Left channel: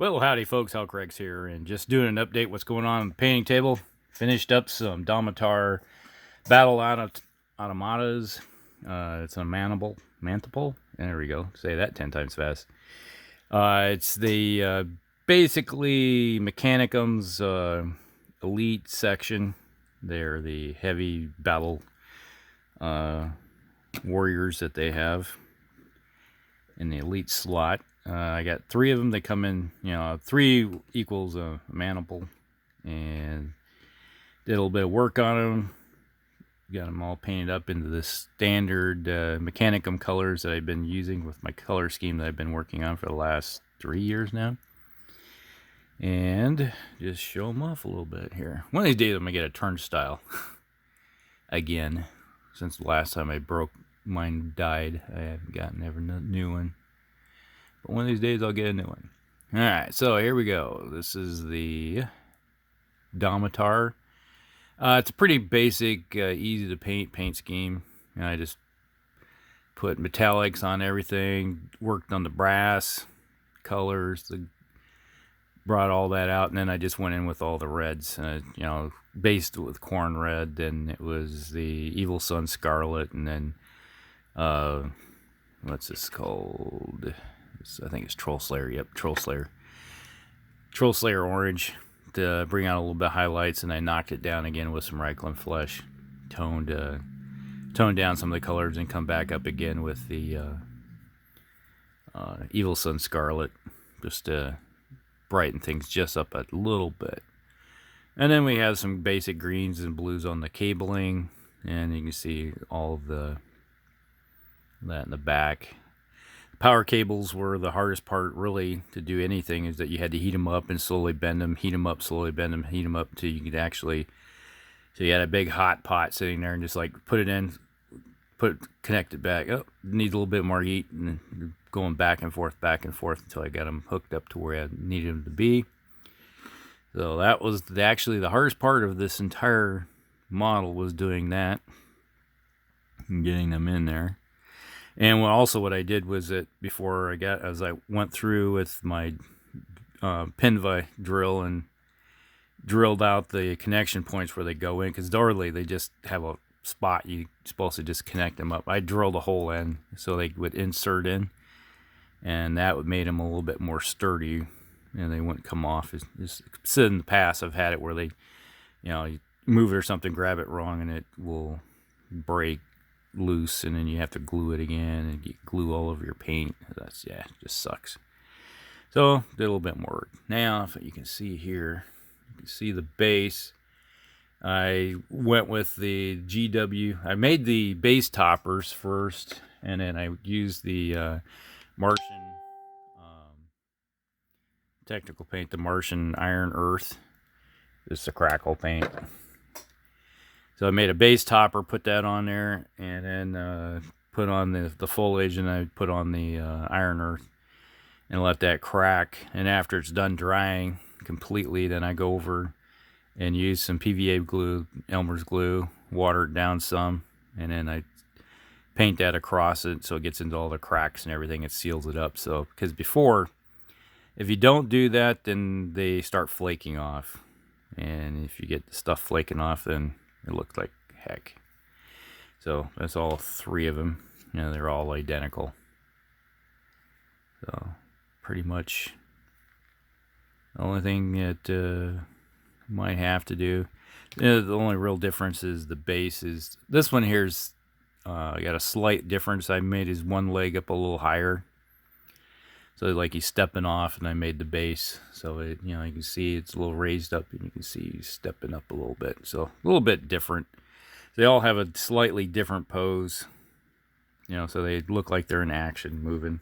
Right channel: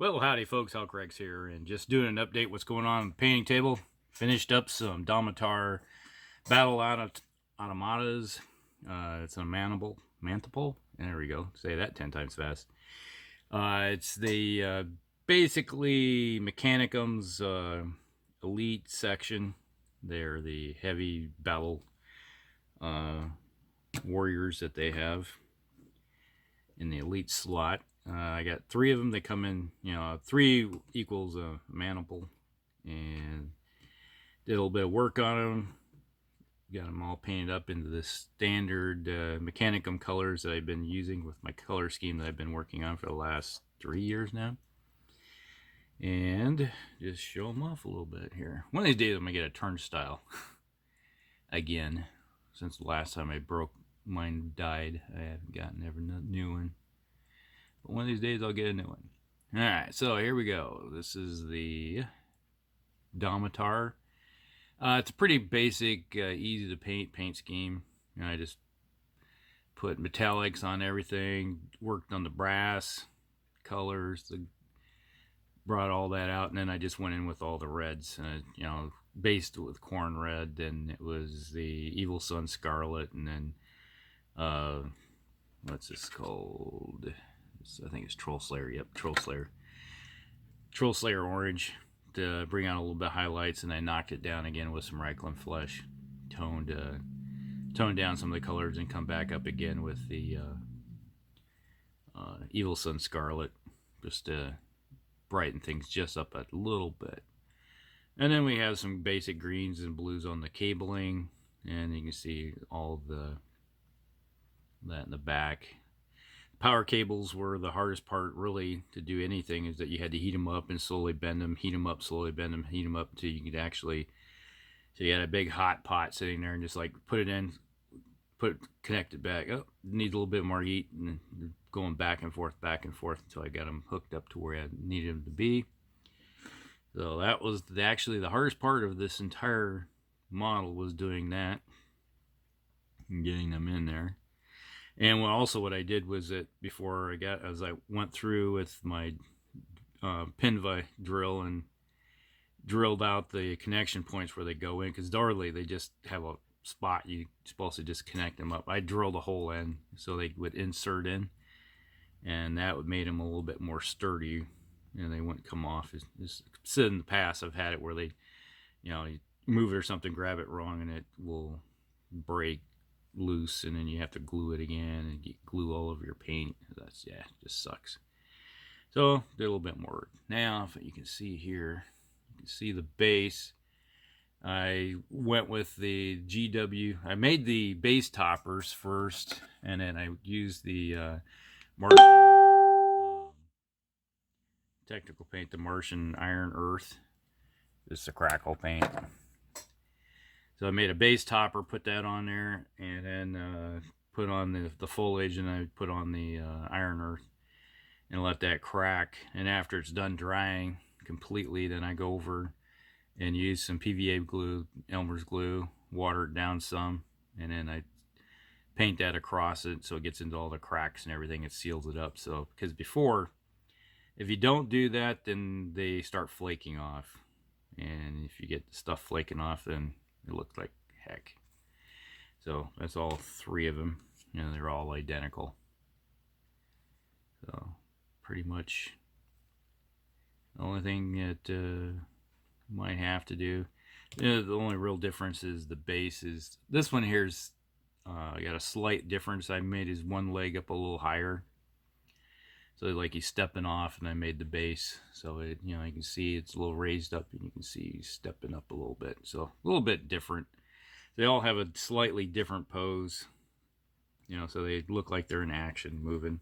Well, howdy folks, Hal Craig's here, and just doing an update what's going on the painting table. Finished up some Domitar Battle Automatas. It's a Maniple. There we go. Say that 10 times fast. It's the basically Mechanicum's elite section. They're the heavy battle warriors that they have in the elite slot. I got 3 of them. They come in, 3 equals a Maniple, and did a little bit of work on them. Got them all painted up into the standard Mechanicum colors that I've been using with my color scheme that I've been working on for the last 3 years now. And just show them off a little bit here. One of these days I'm going to get a turnstile again. Since the last time I broke, mine died. I haven't gotten ever new one. But one of these days I'll get a new one. Alright, so here we go. This is the Domitar. It's a pretty basic, easy to paint scheme. I just put metallics on everything, worked on the brass, colors, brought all that out, and then I just went in with all the reds. Based with corn red, then it was the Evil Sun Scarlet, and then what's this called? I think it's Troll Slayer. Yep, Troll Slayer. Troll Slayer Orange to bring out a little bit of highlights, and I knocked it down again with some Reikland Flesh, toned down some of the colors, and come back up again with the Evil Sun Scarlet, just to brighten things just up a little bit. And then we have some basic greens and blues on the cabling, and you can see all of that in the back. Power cables were the hardest part really to do anything, is that you had to heat them up and slowly bend them, heat them up, slowly bend them, heat them up until you could actually, so you had a big hot pot sitting there and just like put it in, connect it back. Oh, needs a little bit more heat, and going back and forth until I got them hooked up to where I needed them to be. So that was actually the hardest part of this entire model, was doing that and getting them in there. And what I did was that as I went through with my Pinva drill and drilled out the connection points where they go in, because normally they just have a spot you're supposed to just connect them up. I drilled a hole in so they would insert in, and that made them a little bit more sturdy, and they wouldn't come off. It's in the past I've had it where they, you move it or something, grab it wrong, and it will break loose, and then you have to glue it again and get glue all over your paint. It just sucks. So did a little bit more work. Now, if you can see here, you can see the base. I went with the GW. I made the base toppers first, and then I used the Martian technical paint, the Martian Iron Earth. It's a crackle paint. So I made a base topper, put that on there, and then put on the foliage, and I put on the Iron Earth and let that crack. And after it's done drying completely, then I go over and use some PVA glue, Elmer's glue, water it down some, and then I paint that across it so it gets into all the cracks and everything. It seals it up. So, because before, if you don't do that, then they start flaking off. And if you get the stuff flaking off, then it looked like heck. So that's all 3 of them. They're all identical. So pretty much the only thing that might have to do, the only real difference is the base. Is this one here's got a slight difference. I made his one leg up a little higher, so like he's stepping off, and I made the base so it, you can see it's a little raised up, and you can see he's stepping up a little bit. So a little bit different. They all have a slightly different pose, so they look like they're in action, moving.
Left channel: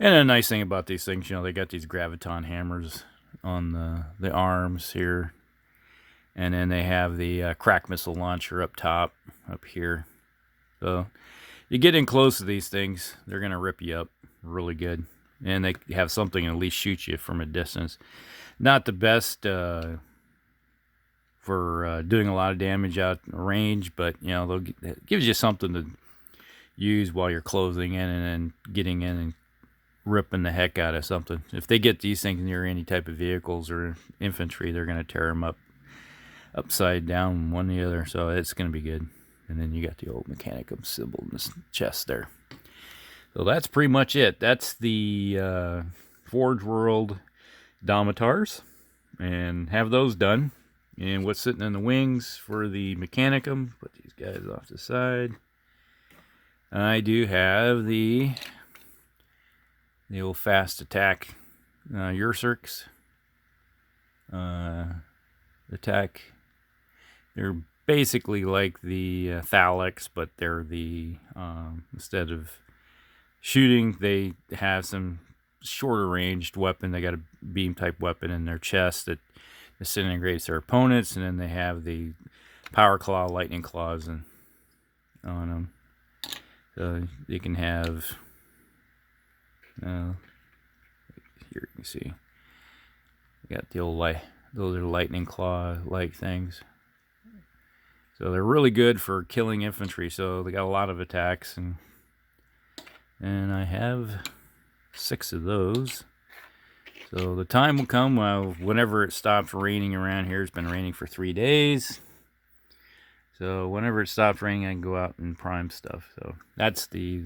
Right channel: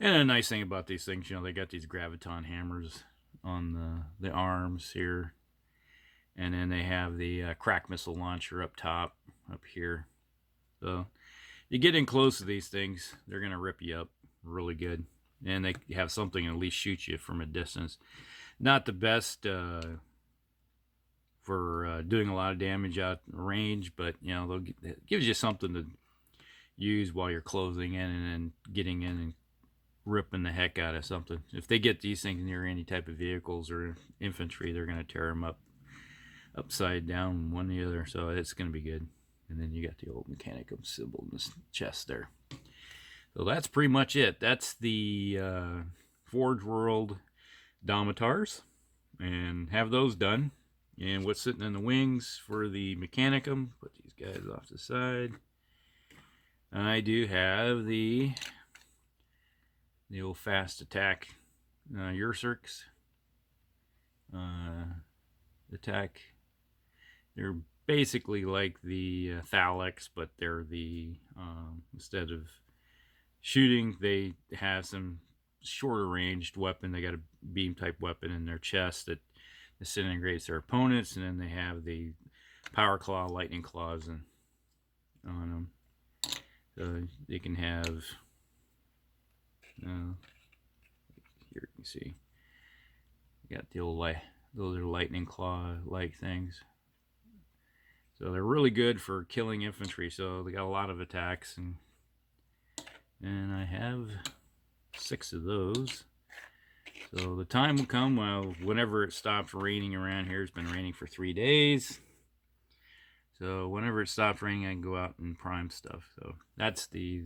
And a nice thing about these things, they got these graviton hammers on the arms here, and then they have the crack missile launcher up top, up here. So you get in close to these things, they're gonna rip you up really good. And they have something at least shoot you from a distance. Not the best for doing a lot of damage out in range, but it gives you something to use while you're closing in and then getting in and ripping the heck out of something. If they get these things near any type of vehicles or infantry, they're going to tear them up upside down, one or the other. So it's going to be good. And then you got the old Mechanicum symbol in the chest there. So that's pretty much it. That's the Forge World Domitars, and have those done. And what's sitting in the wings for the Mechanicum, put these guys off the side. I do have the old fast attack Ursarks. Attack. They're basically like the Thalex, but they're the instead of shooting, they have some shorter ranged weapon. They got a beam type weapon in their chest that disintegrates their opponents, and then they have the power claw, lightning claws, on them. So you can have here you can see you got the old those are lightning claw like things. So they're really good for killing infantry. So they got a lot of attacks, and I have 6 of those. So the time will come whenever it stops raining around here. It's been raining for 3 days. So whenever it stops raining, I can go out and prime stuff. So that's the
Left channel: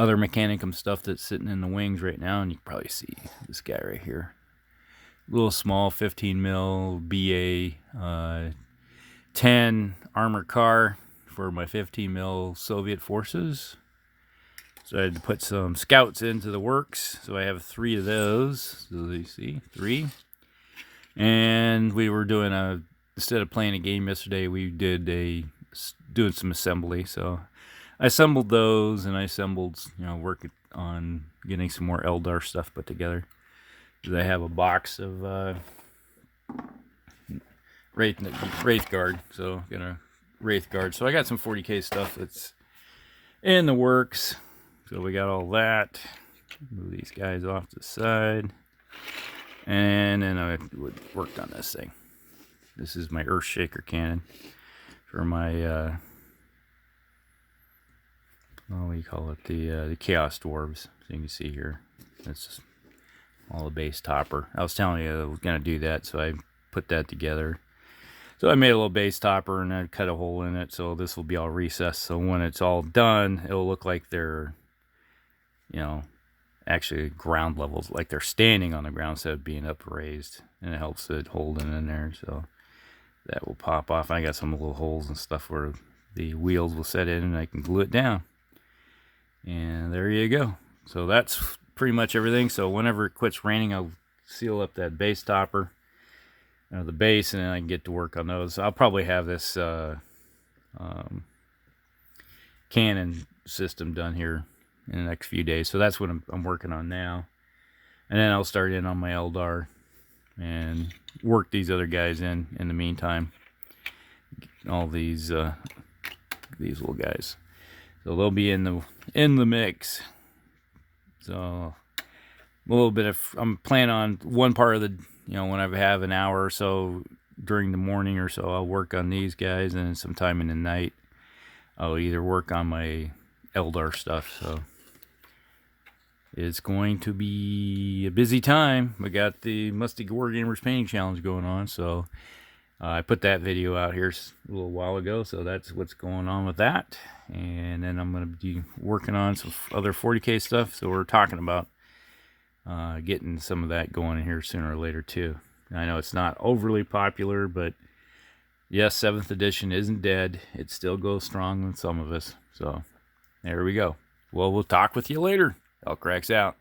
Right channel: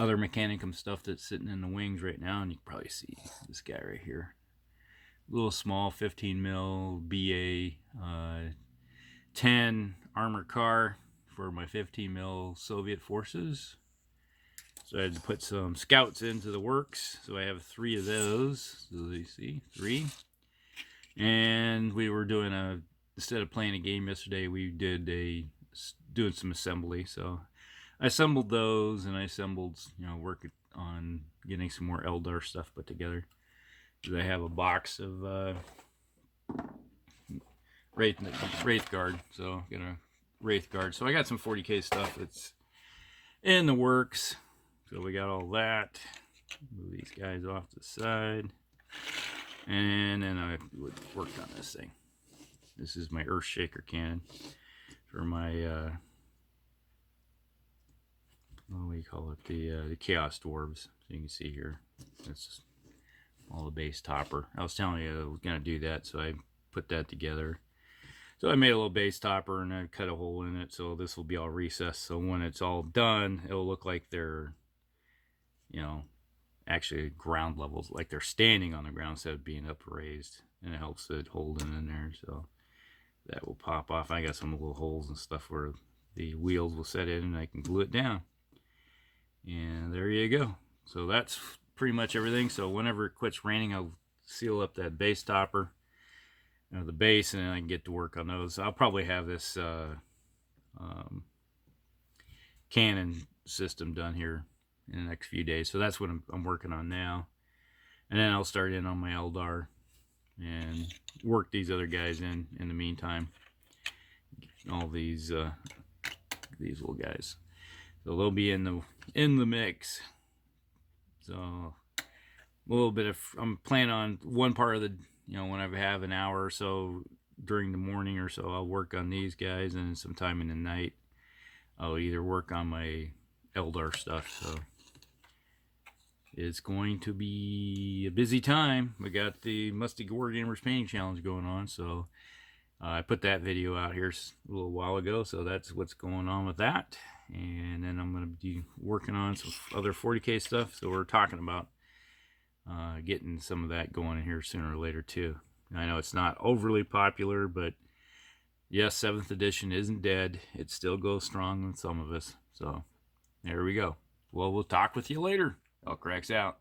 other Mechanicum stuff that's sitting in the wings right now. And you can probably see this guy right here. Little small 15 mil BA 10 armor car for my 15 mil Soviet forces. So I had to put some scouts into the works. So I have 3 of those. So you see, 3. And we were doing instead of playing a game yesterday, we did doing some assembly. So I assembled those, and I assembled, working on getting some more Eldar stuff put together. I have a box of Wraith Guard. So gonna Wraith Guard. So I got some 40K stuff that's in the works. So we got all that. Move these guys off to the side. And then I worked on this thing. This is my Earthshaker cannon for my what do you call it? The Chaos Dwarves. So you can see here. That's just all the base topper. I was telling you I was gonna do that, so I put that together. So I made a little base topper, and I cut a hole in it, so this will be all recessed. So when it's all done, it'll look like they're, actually ground levels, like they're standing on the ground instead of being upraised, and it helps it hold it in there. So that will pop off. I got some little holes and stuff where the wheels will set in, and I can glue it down. And there you go. So that's pretty much everything. So whenever it quits raining, I'll seal up that base topper, the base, and then I can get to work on those. I'll probably have this cannon system done here in the next few days. So that's what I'm working on now. And then I'll start in on my Eldar and work these other guys in the meantime. All these little guys. So they'll be in the mix. So a little bit of, I'm planning on one part of the, when I have an hour or so during the morning or so, I'll work on these guys, and then sometime in the night I'll either work on my Eldar stuff. So it's going to be a busy time. We got the Musty Wargamers Painting Challenge going on, so I put that video out here a little while ago, so that's what's going on with that. And then I'm going to be working on some other 40K stuff, so we're talking about getting some of that going in here sooner or later too. I know it's not overly popular, but yes, 7th edition isn't dead. It still goes strong in some of us. So there we go. Well, we'll talk with you later. Elk Cracks out.